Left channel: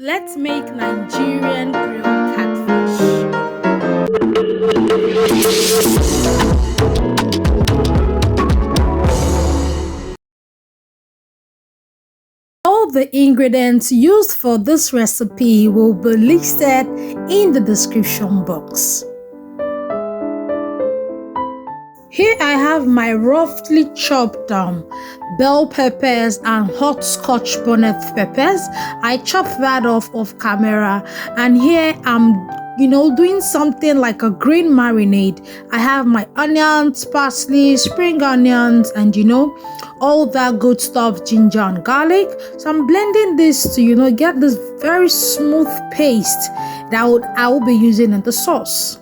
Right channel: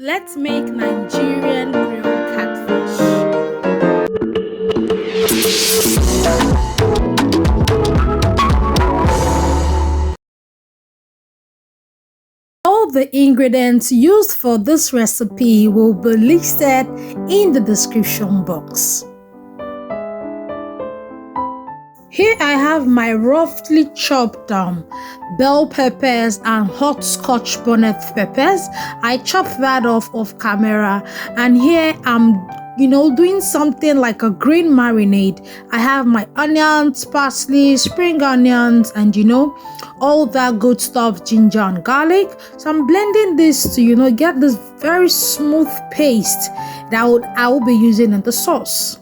Let's make Nigerian grilled catfish. All the ingredients used for this recipe will be listed in the description box. Here I have my roughly chopped bell peppers and hot scotch bonnet peppers. I chopped that off camera, and here I'm doing something like a green marinade. I have my onions, parsley, spring onions, and all that good stuff, ginger and garlic. So I'm blending this to get this very smooth paste that I will be using in the sauce.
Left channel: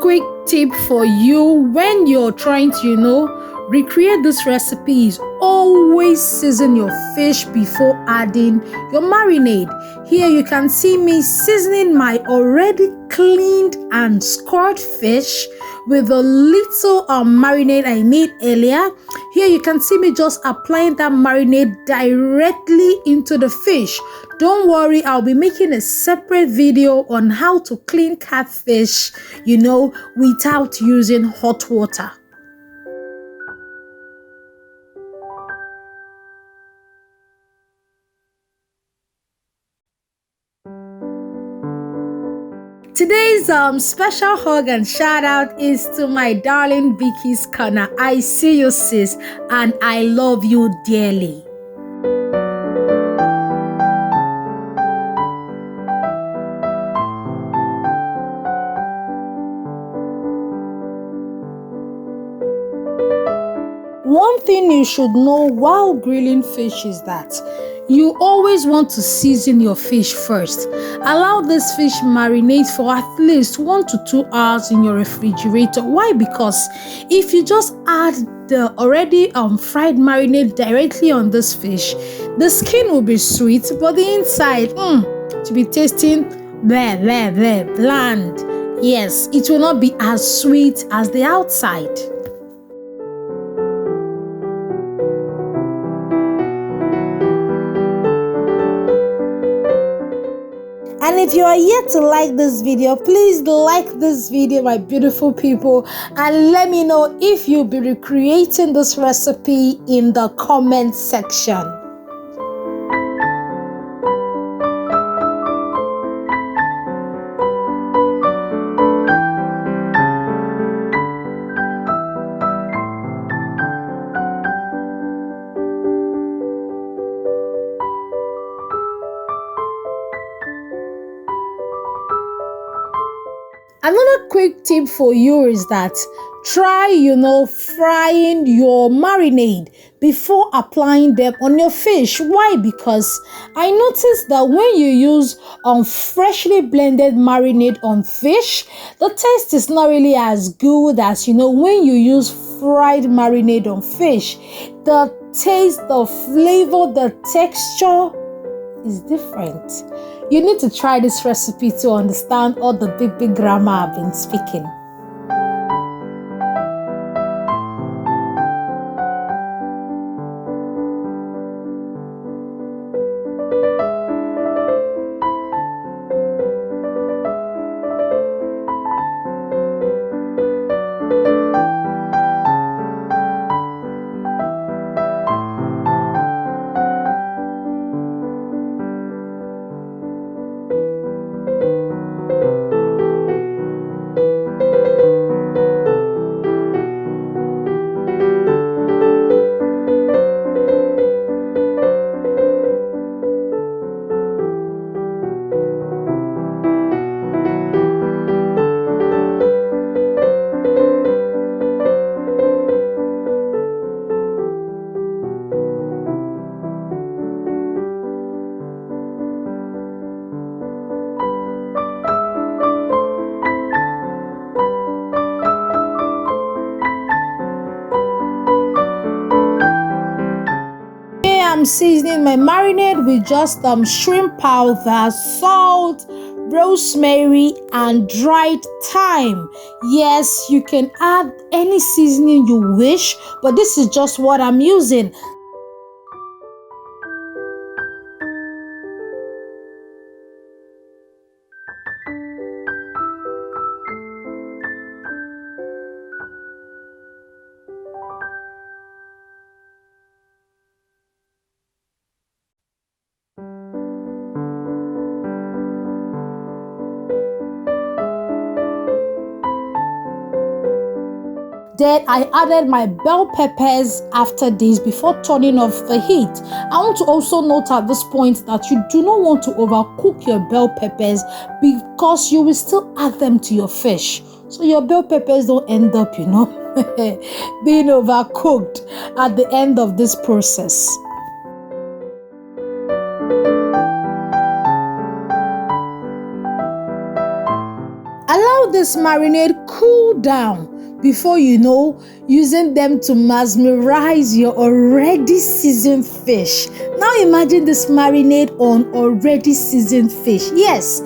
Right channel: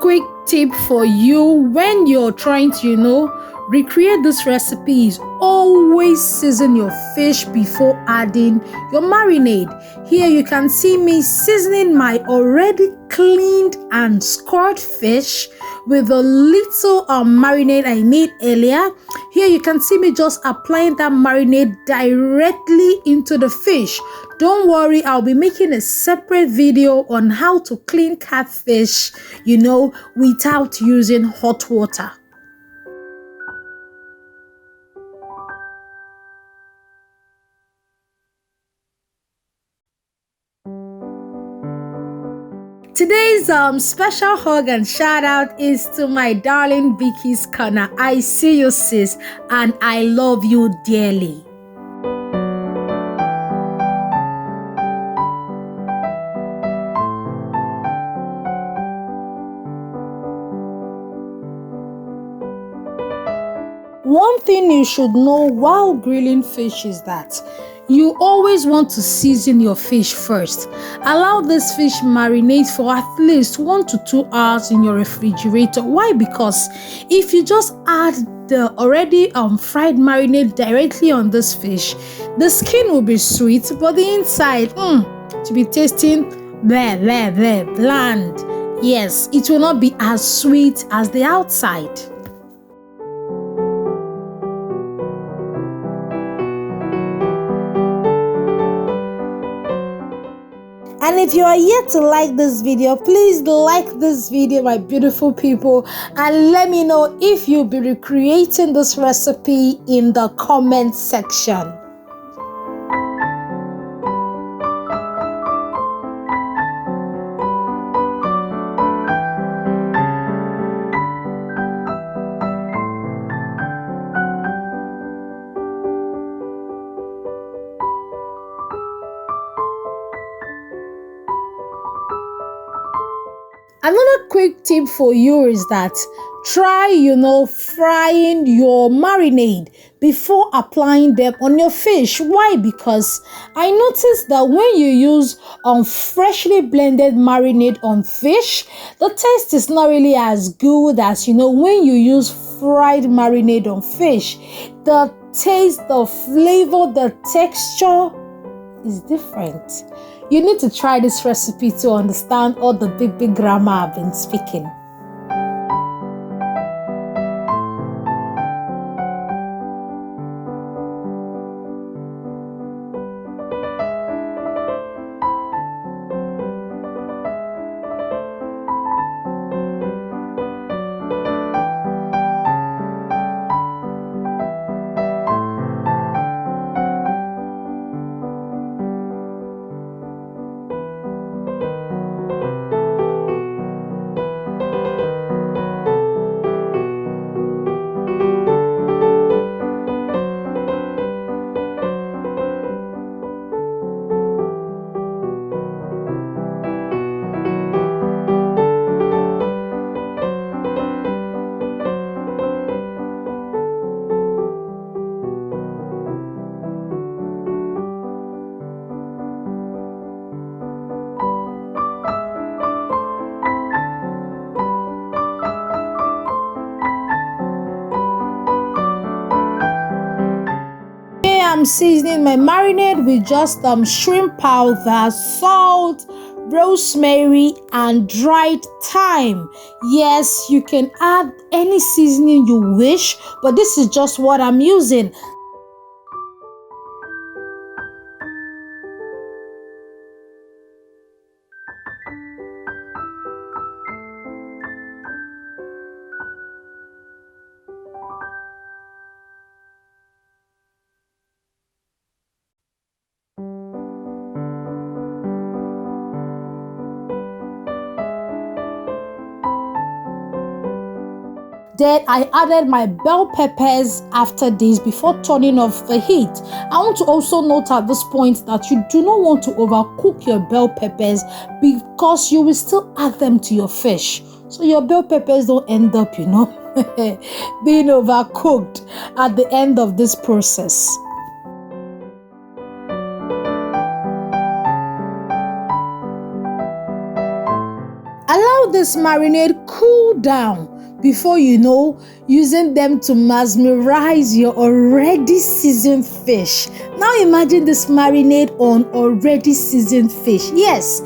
Quick tip for you when you're trying to recreate this recipe is always season your fish before adding your marinade. Here you can see me seasoning my already cleaned and scored fish with a little marinade I made earlier. Here you can see me just applying that marinade directly into the fish. Don't worry, I'll be making a separate video on how to clean catfish, without using hot water. Today's special hug and shout out is to my darling Vicky's Corner. I see you, sis, and I love you dearly. One thing you should know while grilling fish is that you always want to season your fish first. Allow this fish marinate for at least 1 to 2 hours in your refrigerator. Why? Because if you just add the already fried marinade directly on this fish, the skin will be sweet, but the inside to be tasting bland. Yes, it will not be as sweet as the outside. And if you are yet to like this video, please like this video, my beautiful people, and let me know if you'll be recreating this recipe in the comment section. Another quick tip for you is that try, frying your marinade before applying them on your fish. Why? Because I noticed that when you use freshly blended marinade on fish, the taste is not really as good as, when you use fried marinade on fish. The taste, the flavor, the texture is different. You need to try this recipe to understand all the big grammar I've been speaking. I'm seasoning my marinade with just shrimp powder, salt, rosemary, and dried thyme. Yes, you can add any seasoning you wish, but this is just what I'm using. Then I added my bell peppers after this before turning off the heat. I want to also note at this point that you do not want to overcook your bell peppers because you will still add them to your fish. So your bell peppers don't end up, being overcooked at the end of this process. Allow this marinade cool down before using them to mesmerize your already seasoned fish. Now imagine this marinade on already seasoned fish. Yes.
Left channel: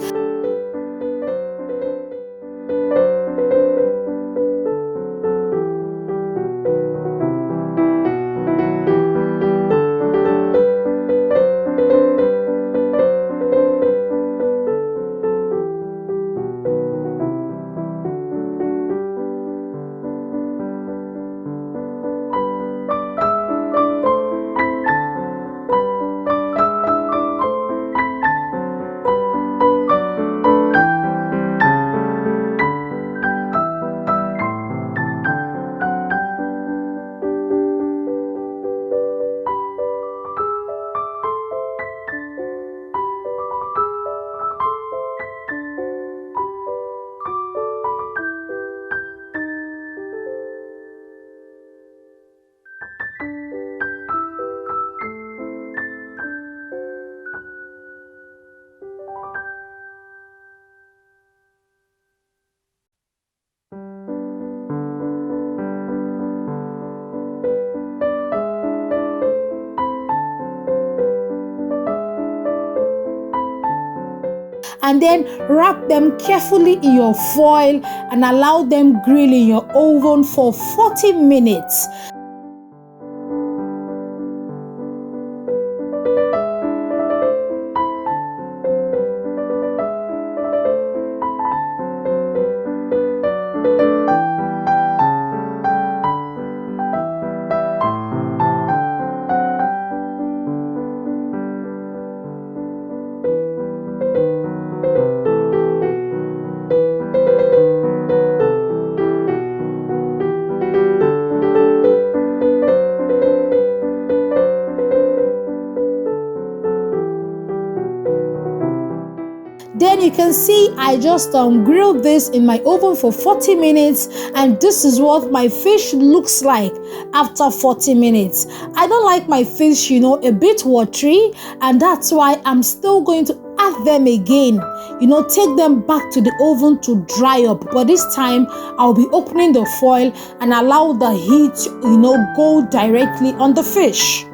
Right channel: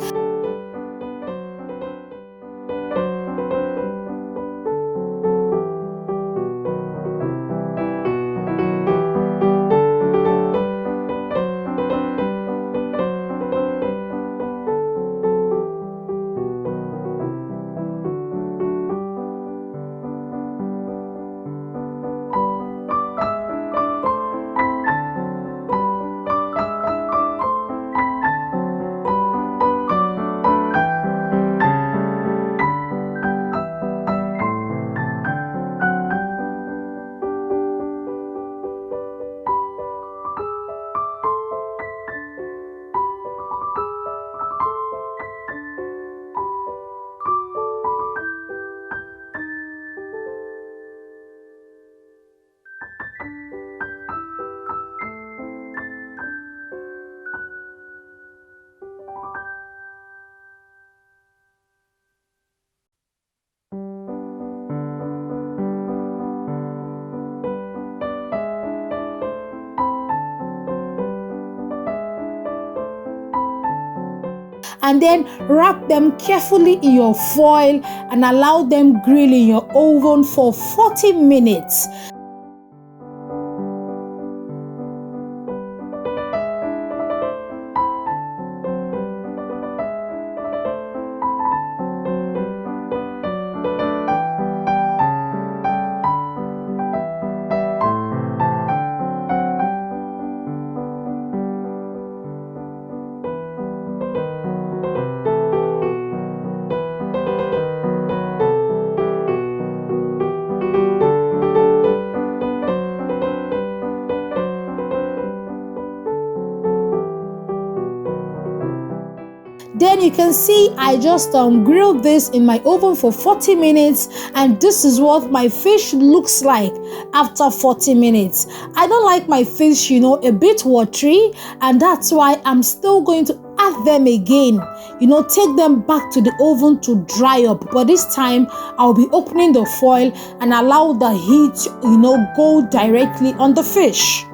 And then wrap them carefully in your foil and allow them grill in your oven for 40 minutes. Then you can see I just grilled this in my oven for 40 minutes, and this is what my fish looks like after 40 minutes. I don't like my fish, a bit watery, and that's why I'm still going to add them again. Take them back to the oven to dry up. But this time I'll be opening the foil and allow the heat, go directly on the fish.